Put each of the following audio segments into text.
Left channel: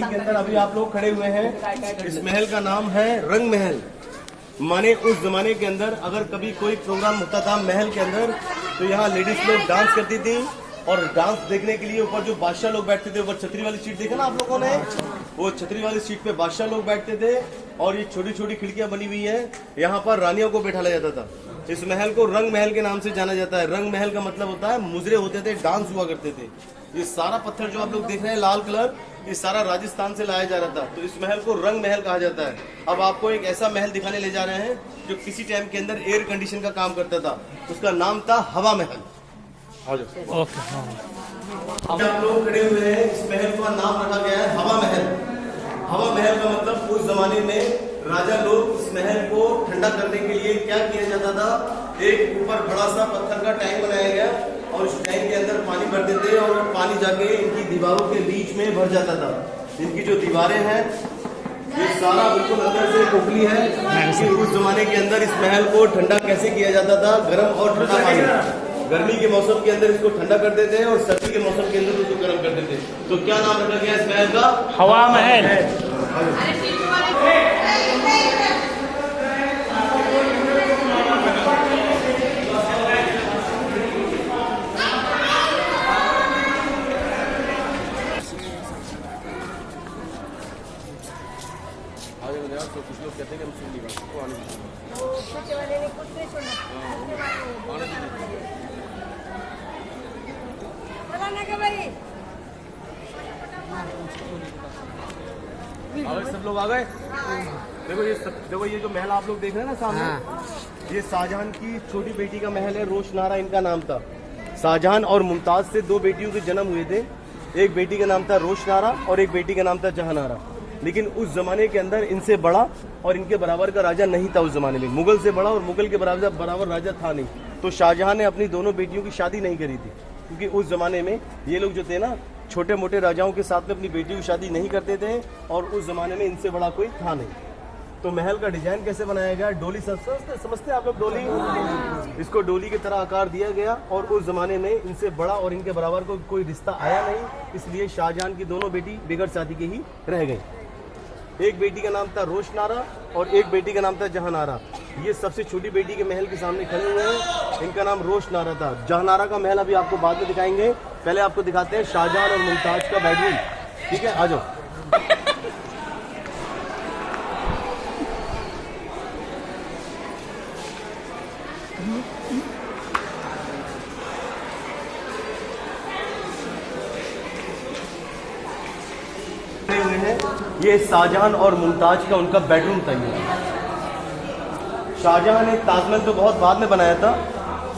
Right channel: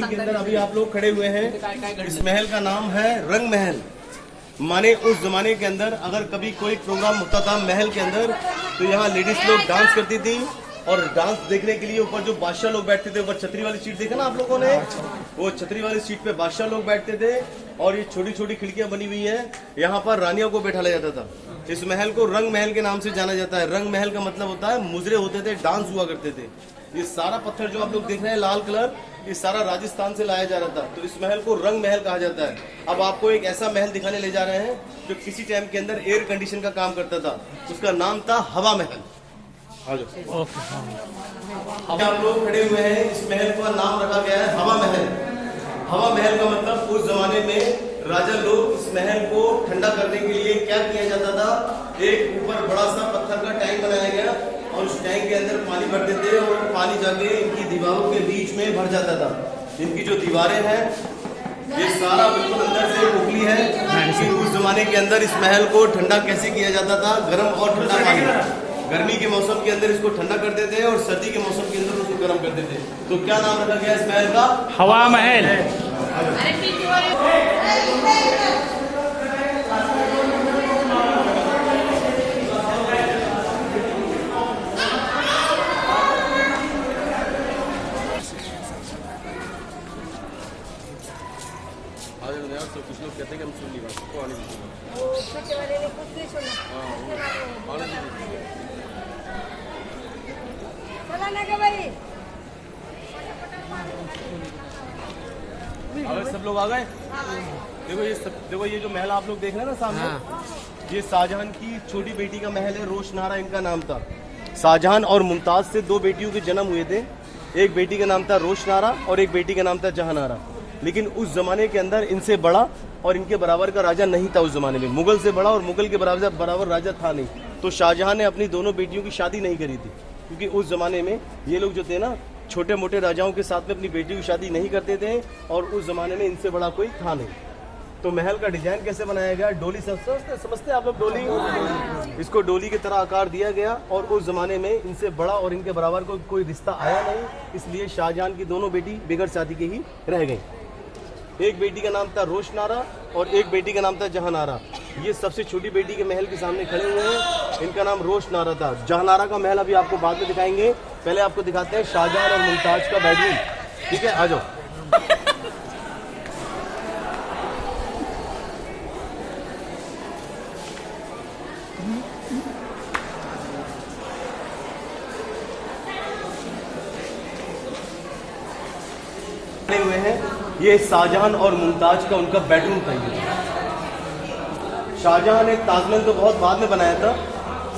के अंदर अभी आप लोग खड़े हुए हैं। इस महल का नाम है रंग महल। माने उस जमाने के अंदर अगर कभी कोई प्रोग्राम होता था महल के अंदर, तो यहाँ लेडीज लोग डांस करती थी, और डांस देखने के लिए ऊपर जो बादशाह लोग बैठते थे, ऊपर छतरी वाली सीट देखा ना आप लोगों ने, वो छतरी वाली सीट पे बादशाह लोग बैठते थे। और ये छोटी छोटी खिड़कियां बनी हुई है, यहाँ पर रानियों को बैठाया जाता था। इस महल को रंग महल के नाम से जाना जाता है। रंग महल का मतलब होता है मुजरे होते थे, डांस हुआ करते थे। ये सारा पत्थर जो आप लोग देख रहे हैं लाल कलर, ये सारा राजस्थान से लाया जा रहा था, तो इस महल को रंग महल कहा जाता है। अब आपको एक ऐसा महल दिखाने ले जा रहे हैं जो किसी टाइम के अंदर एयर कंडीशन का काम करता था, उसका नाम था हवा महल। अब आप लोग खड़े हुए हैं, इस महल का नाम रखा गया है हवा महल। हवा महल का मतलब उस जमाने में राजा लोग उस महल को ठंडा करने के लिए क्या किया जाता था, एक ऊपर बड़ा सा पत्थर का टैंक बनाया गया, और उस टैंक के अंदर पानी भरते थे, और पानी जाके इनकी दीवारों के बीच में भर जाता था। इनकी जो दीवारें हैं ये सारा बिल्कुल अंदर से खोखली है। उस जमाने के अंदर इस महल को ठंडा कैसे किया जाता था, गर्म और ठंडा पानी। गर्मी के मौसम के अंदर इसको ठंडा कर देते हैं, और सर्दी के मौसम के अंदर उसको गर्म कर देते हैं। तो क्या नाम रखा गया इस महल का? हवा महल। तो कुछ लोग कहते हैं कि हम सुन नहीं पाते, आने सब लोग आ गए। देखो ये जो महल आप लोग देख रहे हैं ना सामने, ये शाहजहां की छोटी बेटी का महल है, रोशनारा इनका नाम था। शाहजहां और मुमताज से दो बेटियों के जन्म हुए थे। एक बेटी का नाम था रोशनारा और एक बेटी का नाम था जहानारा। लेकिन उस जमाने के अंदर इनसे बड़ा और इनके बराबर का राजा नहीं था। उस जमाने में मुगल से बड़ा और मुगल के बराबर राजा था नहीं। तो शाहजहां ने अपनी दोनों बेटियों की शादी नहीं करी थी, क्योंकि उस जमाने में ये लोग जो थे ना, छोटे मोटे राजाओं के साथ में अपनी बेटियों की शादी नहीं करते थे, और उस जमाने में इनसे बड़ा कोई था नहीं। तो महल का डिजाइन कैसे बनाया गया, डोली समझते आप लोग, डोली, इसको डोली की तरह आकार दिया गया। और उस जमाने में इनसे बड़ा और इनके बराबर को कोई रिश्ता आया नहीं, इसलिए शाहजहां की दोनों बेटी बगैर शादी के ही रह गई। एक बेटी का नाम था रोशनारा और एक बेटी का नाम था जहानारा। ये सबसे छोटी बेटी के महल के सामने खड़े हुए हैं, इनका नाम रोशनारा था। जहानारा का महल अभी आपको बाद में दिखाएंगे, पहले आपको दिखाते हैं शाहजहां और मुमताज का बेडरूम। ठीक है, आ जाओ। हुए हैं, ये शाहजहां और मुमताज का उनका बेडरूम था। ये शाहजहां ने ताजमहल तो बहुत बाद में बनाया था,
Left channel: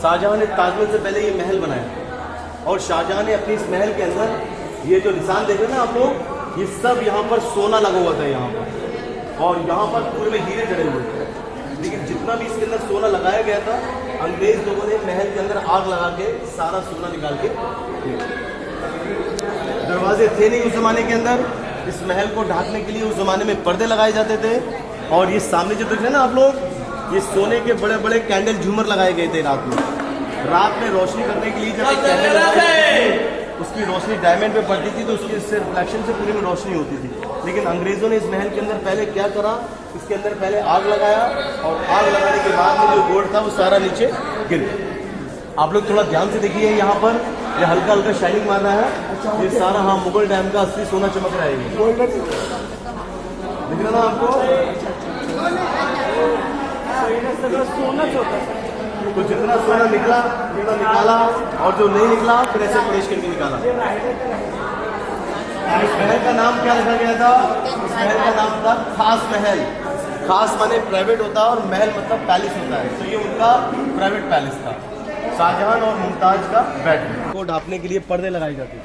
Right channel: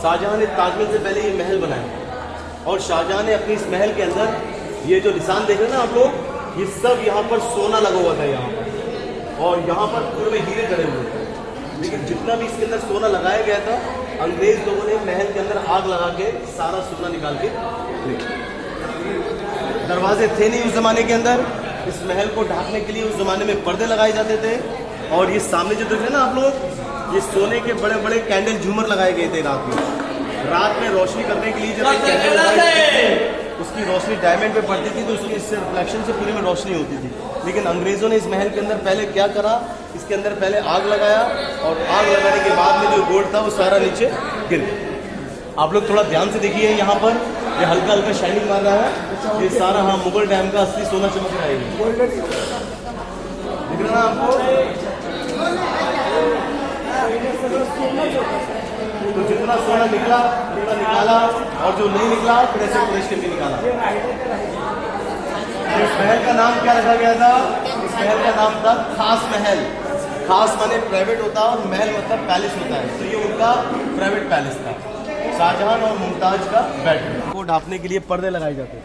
शाहजहां ने ताजमहल से पहले ये महल बनाया। और शाहजहां ने अपनी इस महल के अंदर ये जो निशान देख रहे हैं ना आप लोग, ये सब यहाँ पर सोना लगा हुआ था यहाँ पर, और यहाँ पर पूरे हीरे जड़े हुए थे। लेकिन जितना भी इसके अंदर सोना लगाया गया था, अंग्रेज लोगों ने महल के अंदर आग लगा के सारा सोना निकाल के, दरवाजे थे नहीं उस जमाने के अंदर। इस महल को ढकने के लिए उस जमाने में पर्दे लगाए जाते थे। और ये सामने जो देख रहे हैं ना आप लोग, ये सोने के बड़े बड़े कैंडल झूमर लगाए गए थे रात में। रात में रोशनी करने के लिए जब कैंडल लगाई, उसकी रोशनी डायमंड पे पड़ती थी, तो उसके रिफ्लेक्शन से पूरे में रोशनी होती थी। लेकिन अंग्रेजों ने इस महल के अंदर पहले क्या करा, इसके अंदर पहले आग लगाया, और आग लगाने के बाद में जो गोल्ड था वो सारा नीचे गिर गया। आप लोग थोड़ा ध्यान से देखिए, यहाँ पर ये हल्का हल्का शाइनिंग मार रहा है, ये सारा हाँ मुगल डैम का असली सोना चमक रहा है। दिख रहा ना आपको, तो जितना सोना निकला उतना निकाला, और जो नहीं निकला फिर ऐसे प्रवेश करके निकाला। इस महल का नाम क्या रखा गया था? इस महल का नाम था खास महल। खास माने प्राइवेट होता है, और महल मतलब पैलेस होता है, तो ये उनका प्राइवेट पैलेस था। शाहजहां और मुमताज का बेडरूम को ढांपने के लिए पर्दे लगाए जाते।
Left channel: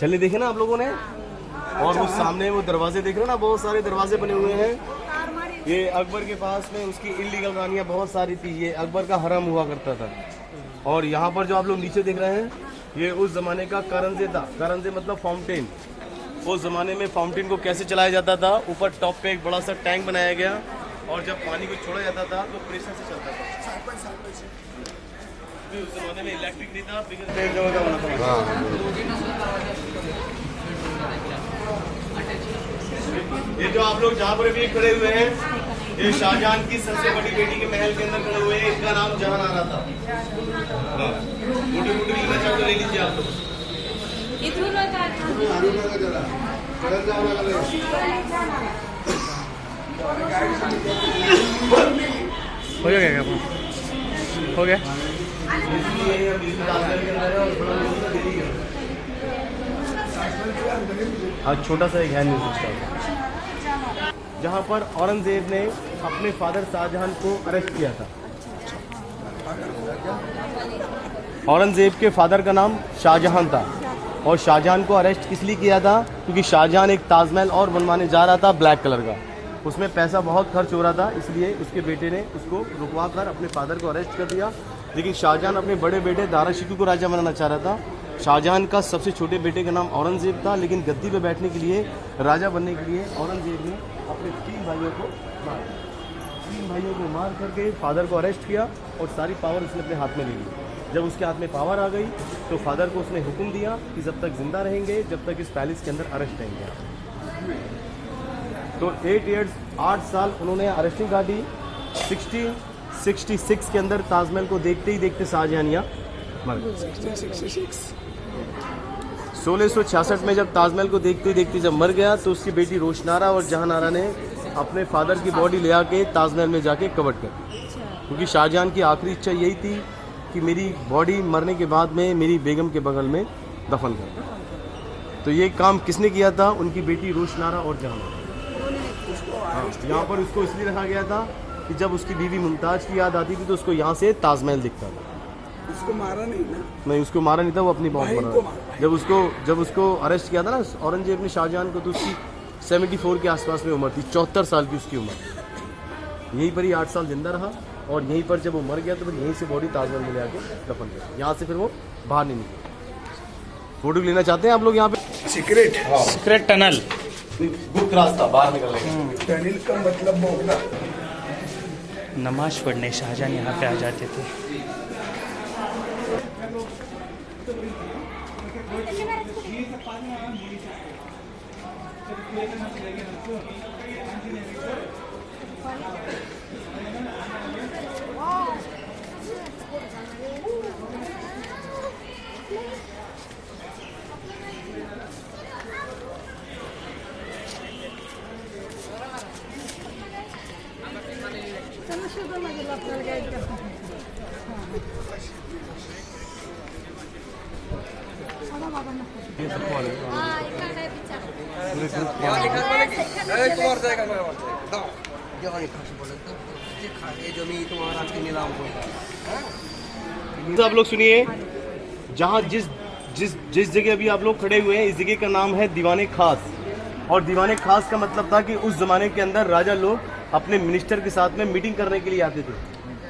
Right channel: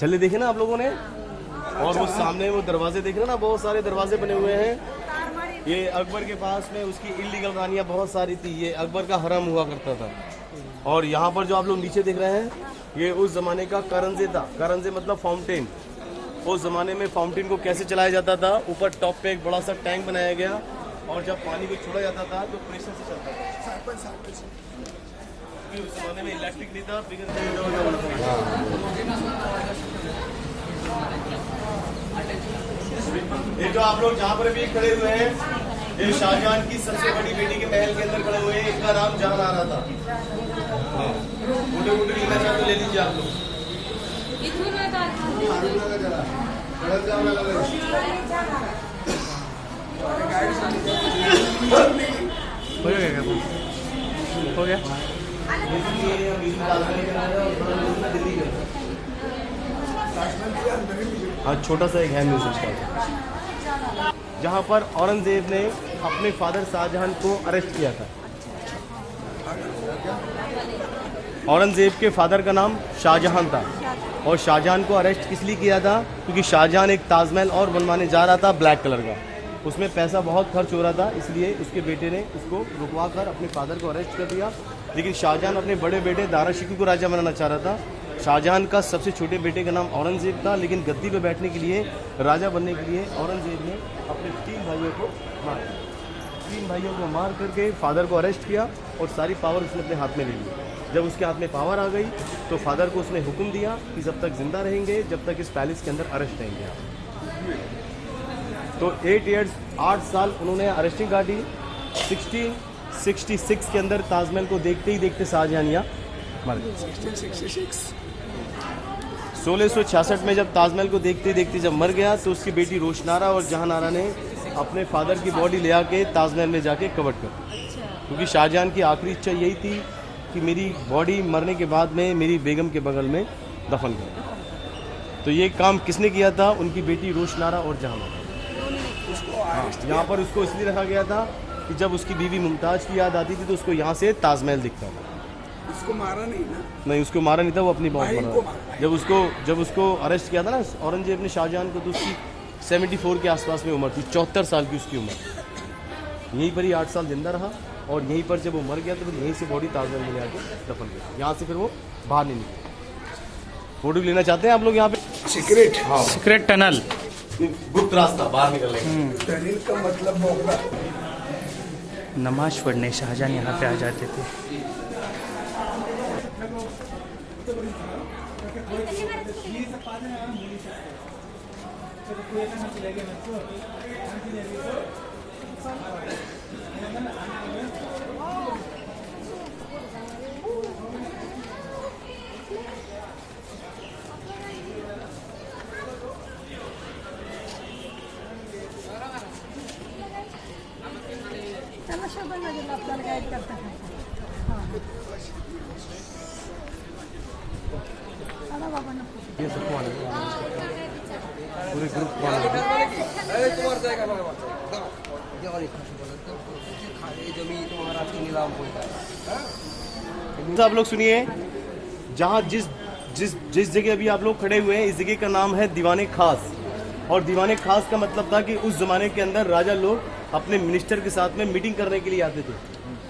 चलिए देखे ना आप लोगों ने, और वो सामने वो दरवाजे देख रहे हो ना, बहुत सारे दरवाजे बने हुए हैं। ये अकबर के पास में उसकी इलीगल रानियां बहुत सारी थी। ये अकबर का हरम हुआ करता था। और यहाँ पर जो आप लोग नीचे देख रहे हैं, ये उस जमाने का करंजे था। करंजे मतलब फाउंटेन। उस जमाने में फाउंटेन को कैसे चलाया जाता था, ऊपर टॉप पे एक बड़ा सा टैंक बनाया गया और जब पानी को छोड़ा जाता था तो प्रेशर से चलता था। उस जमाने में इलेक्ट्रिक नहीं था। ये जो आप लोग जहाँ पर भी खड़े हुए हैं, ये शाहजहां की सबसे बड़ी बेटी के महल के अंदर खड़े हुए हैं। इनका नाम जहांआरा था। मोटे मोटे लेना चाहो तो ले लीजिए आप लोग। हो गया क्या? हो गया। आज छोटा सा एक हैंड म्यूजिक था, जहाँ पर औरंगजेब ने अपने फादर शाहजहां को अरेस्ट किया था। औरंगजेब के फादर का नाम शाहजहां था और शाहजहां को अरेस्ट किस लिए किया था? क्योंकि शाहजहां एक ताजमहल और बनवाने जा रहा था ब्लैक कलर का। उसमें पैसा बहुत खर्च हो रहा था, इसलिए उसके बेटे ने उसको रुकवा कर अपने फादर को अरेस्ट कर दिया। लेकिन शाहजहां अपने बड़े बेटे दारा शिकोह को राजा बनाना चाह रहा था। शाहजहां का सबसे छोटे बेटे का नाम औरंगजेब था, लेकिन गद्दी पे बैठने के लिए, राजा बनने के लिए औरंगजेब ने अपने 3 भाइयों को मार दिया। 3 भाइयों को मार करके फादर को अरेस्ट किया और सारी पावर उसने अपने हाथ में ले ली। जब उसके हाथ में पावर आ गई तो फादर को उसने हुक्म दिया कि जब तक जिंदा रहेंगे, जब तक इस पैलेस के अंदर अरेस्ट रहेंगे आप। तो 8 इयर्स 8 साल उन्होंने अरेस्टिंग काटी। 1666 के अंदर ताजमहल को देखते ही देखते शाहजहानिया मर गए। 1666 में जब ताजमहल को देखते देखते जब मर गया तो उसकी बेटी रोशनारा और जहांआरा ने अपने फादर की बॉडी ले आके ताजमहल में जाके कवर कर दी। क्योंकि शाहजहां की आखिरी इच्छा यही थी कि मेरी बॉडी मरने के बाद में मेरी बेगम के बगल में दफन कर। तो ये काम किसने किया था? उनकी बेटी रोशनारा और जहांआरा। यहाँ पर उसको इसलिए रखा गया था कि जब उसकी बीवी मुमताज की याद आती थी तो उसको यहाँ से ताजमहल दिखता था। उसको मारा नहीं ना? नहीं, उसको मारा नहीं था, वो अपनी मौत मरा। जब उसको अरेस्ट किया था ना औरंगजेब ने शाहजहां को, तो उसकी 74 के आसपास में उम्र थी। 74 साल की उसकी उम्र। यहीं पर ही 8 साल जिंदा रहा और यहीं पर जब वो मर गया तो फिर यहीं से बॉडी ताजमहल में ले आके दफन कर। यहाँ से फिर वो बाहर नहीं निकला। फोटो लेना चाहते हैं आप लोग यहाँ पे? सीक्रेट? हाँ, सीक्रेट टनल, गुप्त रास्ता बाहर निकलने का। टनल का मतलब होगा नमाज पढ़ने शाहजहां यहाँ पे आ जाते थे। पूरे ग्रुप आप लोग सुनिए। जहाँ जिस जगह अभी आप लोग खड़े हुए हैं, इस जगह का नाम है दीवाने खास। और दीवाने खास का मतलब था कि उस जमाने के अंदर राजा लोग अपने मिनिस्टर के साथ में मीटिंग करने के लिए आते थे।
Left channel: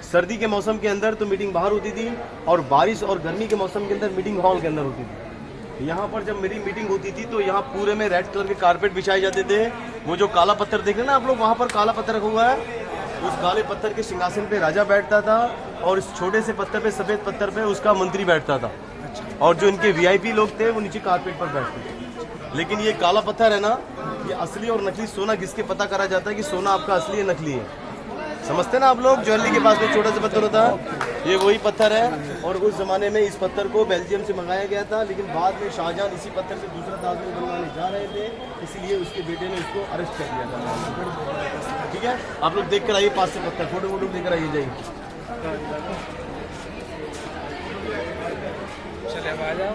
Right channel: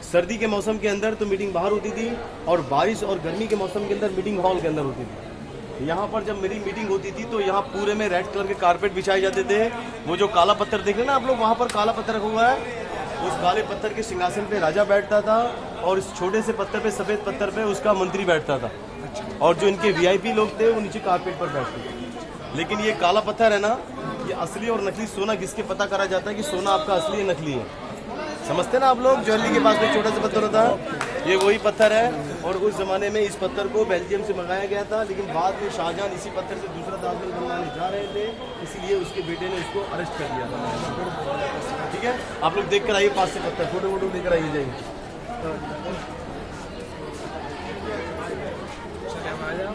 सर्दी के मौसम के अंदर तो मीटिंग बाहर होती थी और बारिश और गर्मी के मौसम के अंदर मीटिंग हॉल के अंदर होती थी। यहाँ पर जब मेरी मीटिंग होती थी तो यहाँ पूरे में रेड कलर के कारपेट बिछाए जाते थे। वो जो काला पत्थर देख रहे हैं ना आप लोग, वहाँ पर काला पत्थर रखा हुआ है। उस काले पत्थर के सिंहासन पे राजा बैठता था और इस छोटे से पत्थर पे, सफेद पत्थर पे उसका मंत्री बैठता था। और जो इनके वीआईपी लोग थे वो नीचे कारपेट पर बैठते थे। लेकिन ये काला पत्थर है ना, ये असली और नकली सोना किसके पता करा जाता है कि सोना आपका असली है नकली है? समझते ना आप लोग? ज्वेलरी के पास में छोटा सा पत्थर होता है, ये वही पत्थर है। और उस जमाने में इस पत्थर को बेल्जियम से मंगाया गया था, लेकिन बाद में शाहजहां इसी पत्थर से दूसरा ताजमहल बनवाने जा रहे थे, इसलिए उसके बेटे ने इसको अरेस्ट कर लिया था। ठीक है, आप लोग देख कर आइए पास से पत्थर, फोटो वोटो देकर आइए जाइए। चले अब आ जाओ।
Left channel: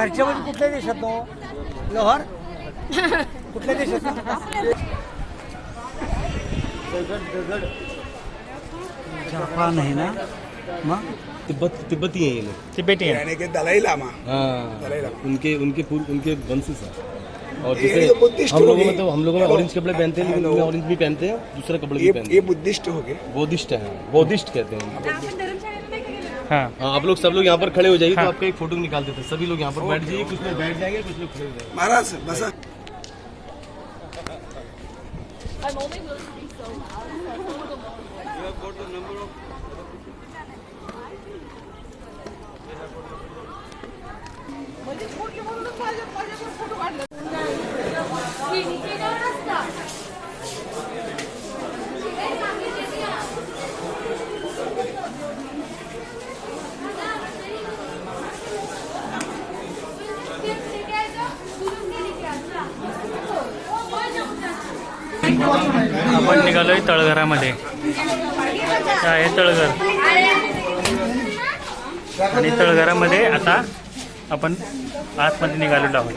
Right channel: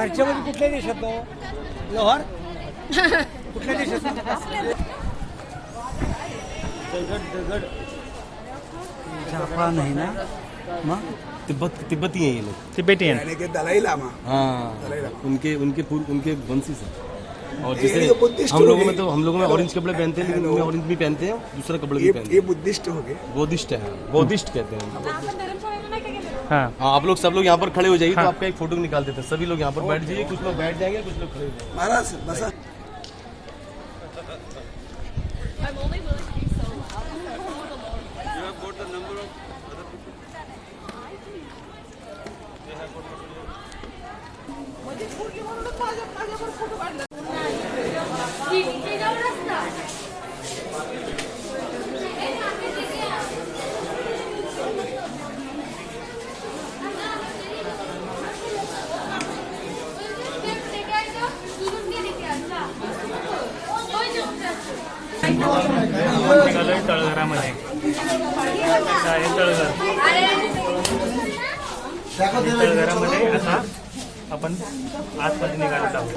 बाहेरच्या मध्ये कुठल्या देशात नो लोहार कुठल्या देशात दगड़ जापान है ना मग तिब्बती हैं ये लोग, तिबेटियन यानी कि दलाई लामा हाँ दलाई लामा उनके वंशी से। और ये जैसे तो बुद्धिस्ट हम हो लोगों गए। में तो हम लोगों में ऑरेंज कपड़े पहनते हैं, लेकिन उनमें ऑरेंज भी पहनते हैं, दूसरा कपड़े भी पहनते ये हैं। बुद्धिस्ट हो गए। बौद्धिस्ट है, बौद्धिस्ट कहते हैं। हाँ हाँ, आप लोग सब लोग यहाँ पर खड़े हो जाइए, तो आपका एक फोटो निकाल देते हैं। सभी लोग यहाँ पर बैठ जाइए, कुछ लोग बैठ जाएंगे, कुछ लोग खड़े हो जाएंगे। महाराज बसा आपण निघालोय तळघरामध्ये काय आहे तळघर आणि तळघरामध्ये आता आपण आतमध्ये निघालेलो आहोत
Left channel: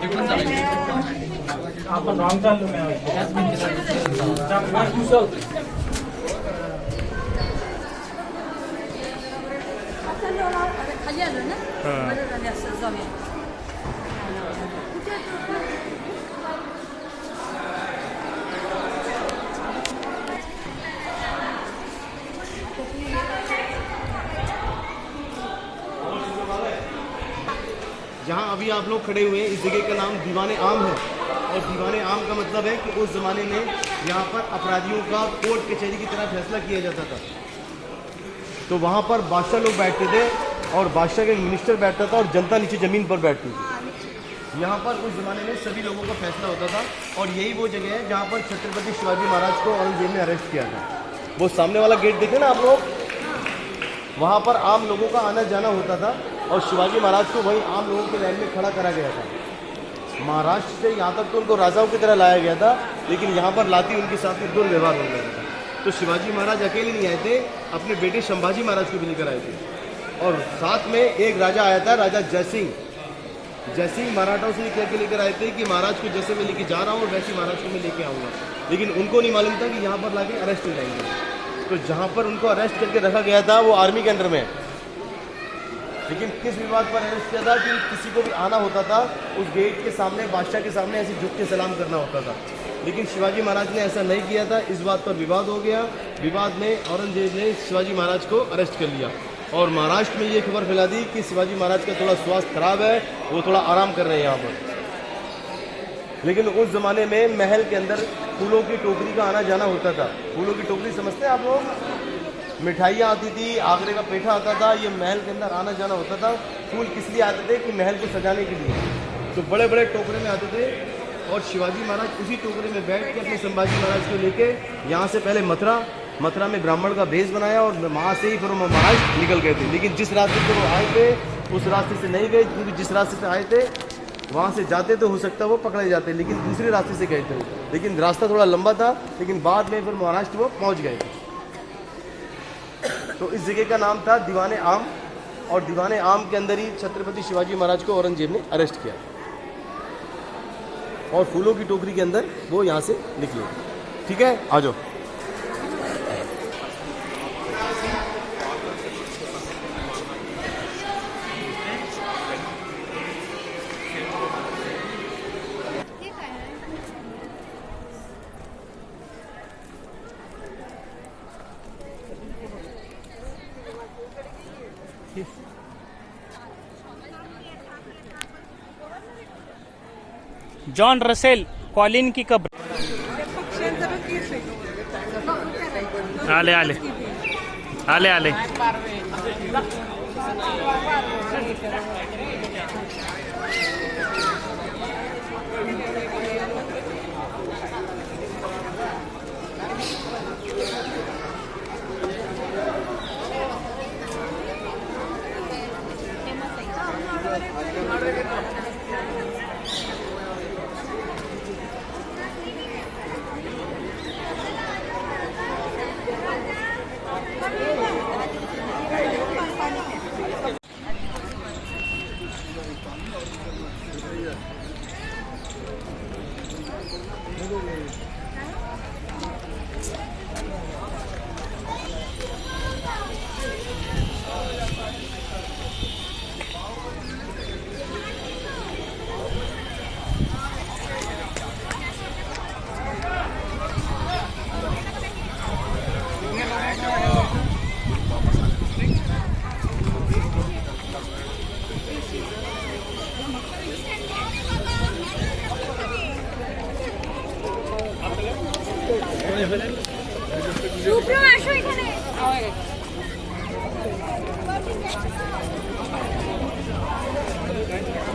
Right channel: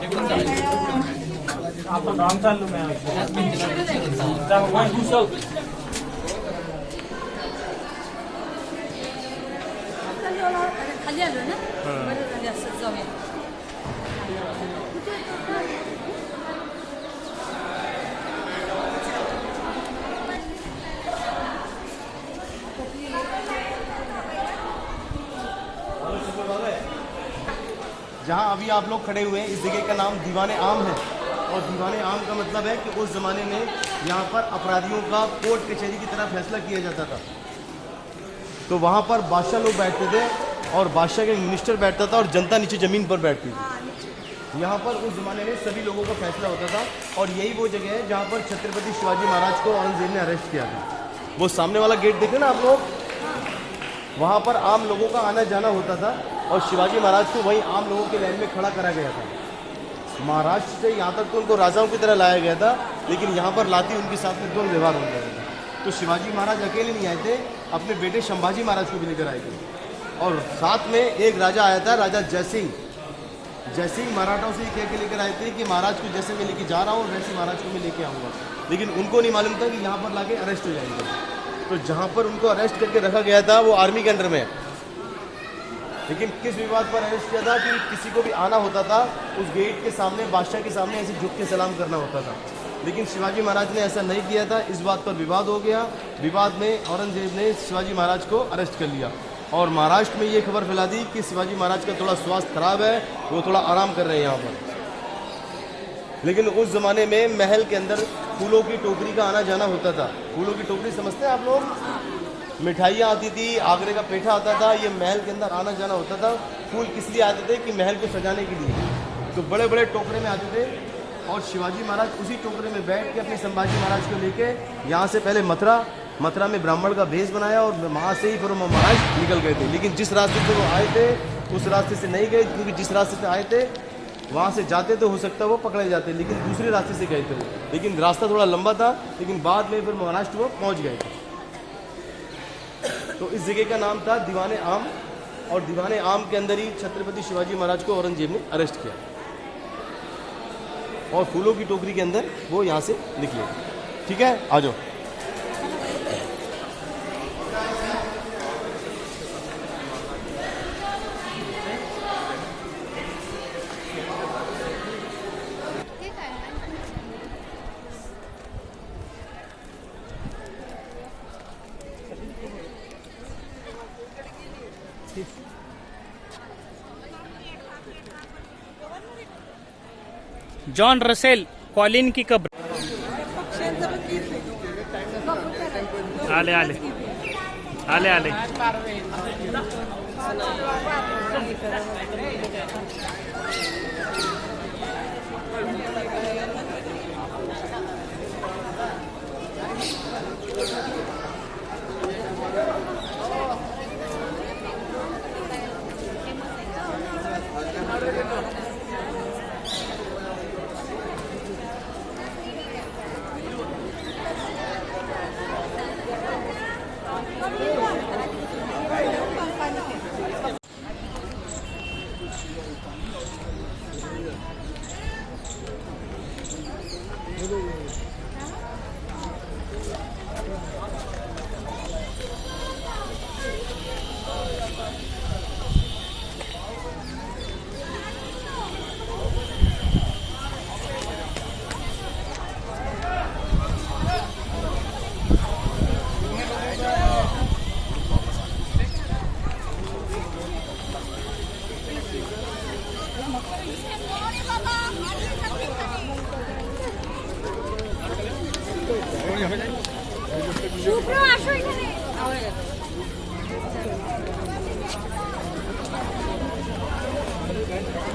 खाली आलो ना बरं झाले असं जाऊया जहाँ अभी आप लोग खड़े हुए हैं, इस जगह का नाम दीवाने आम है। और दीवाने आम का मतलब है कि उस ज़माने में यहाँ पर अपराधियों का कोर्ट कचहरी की तरह फैसला किया जाता था। तो वहाँ पर बादशाह लोग बैठते थे और बादशाह का मिनिस्टर बैठता था और जनता नीचे ज़मीन पर बैठती थी। यहाँ पर उस ज़माने में सभी लोगों का फैसला होता था। और यही वो जगह है जहाँ पर छत्रपति शिवाजी महाराज को औरंगजेब ने अरेस्ट किया था। वो सामने वाला गेट देखे ना आप लोग, वहाँ पर आम लोगों का आना जाना होता था और शिवाजी महाराज को वहीं आम लोगों के लाइन में खड़ा करा गया था। महाराष्ट्र से यहाँ तक तो उनको राजाओं की तरह लाया गया था, लेकिन यहाँ पर लाती उनके साथ में दुर्व्यवहार हो गया था। तो शिवाजी महाराज अकेले नहीं आए थे, अपने बेटे संभाजी महाराज को भी लेकर आए थे। और साथ में एक राजा आया था, राजा जयसिंह मराठाओं से कह के लेकर आए थे कि महाराज को जैसे मैं लेके जा रहा हूँ वैसे महाराज को मैं लेके आऊँगा। लेकिन उनको नहीं मालूम था कि यहाँ पर लाके अरेस्ट हो जाएंगे। तो जहाँ पर उनको अरेस्ट करके रखा गया था वो आर्मी के अंडर में है। लेकिन किस विवाद पर अरेस्ट किया था कि किसी को भी आना होता था, उस गेट के सामने बादशाह के सामने ऐसे झुक के सलाम करना होता था। लेकिन शिवाजी महाराज ने ऐसा नहीं किया था। इस बात पर विवाद हो गया। विवाद में औरंगजेब ने शिवाजी महाराज को अरेस्ट कर लिया और महाराष्ट्र में ये खबर फैला दी कि शिवाजी महाराज का थोड़ा स्वास्थ्य खराब है, वो थोड़ा आराम कर रहे हैं यहाँ पर। लेकिन उस ज़माने में महल के अंदर फूलों की टोकरी का आना जाना होता था। फूलों की टोकरी समझते हैं आप लोग? मिठाइयाँ आती थी, आगरे का पेठा आता था, ये महल के अंदर आना जाना होता था। फूल किस लिए आते थे कि महल को सजाने के लिए। तो बड़े बड़े टोकरे में आते थे और शिवाजी महाराज उसी टोकरे में बैठ के अपने संभाजी महाराज को लेके यहाँ से पहले मथुरा में ब्राह्मण का भेष बनाया और वहाँ से ही फिर वो महाराज निकल गए थे। लेकिन जिस रास्ते से वो आए थे उस रास्ते से नहीं गए, क्योंकि जिस रास्ते से आए थे वहाँ से जाते तो हो सकता वो पकड़े जाते, लेकिन दूसरे रास्ते से गए थे। लेकिन रास्ता थोड़ा लंबा था, लेकिन बाद में फिर महाराष्ट्र वो पहुँच गए थे। तो इस जगह का नाम था दीवाने आम। और दीवाने आम के अंदर ही छत्रपति शिवाजी महाराज को औरंगजेब ने अरेस्ट किया और फूलों की टोकरी के अंदर वो यहाँ से निकले। ठीक है, आ जाओ। जॉन रसेल कॉलिन की कब्र आले आले आले आले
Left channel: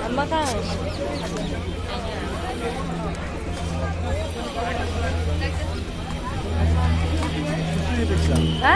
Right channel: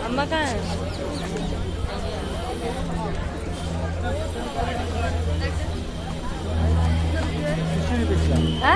आंबा काय हा?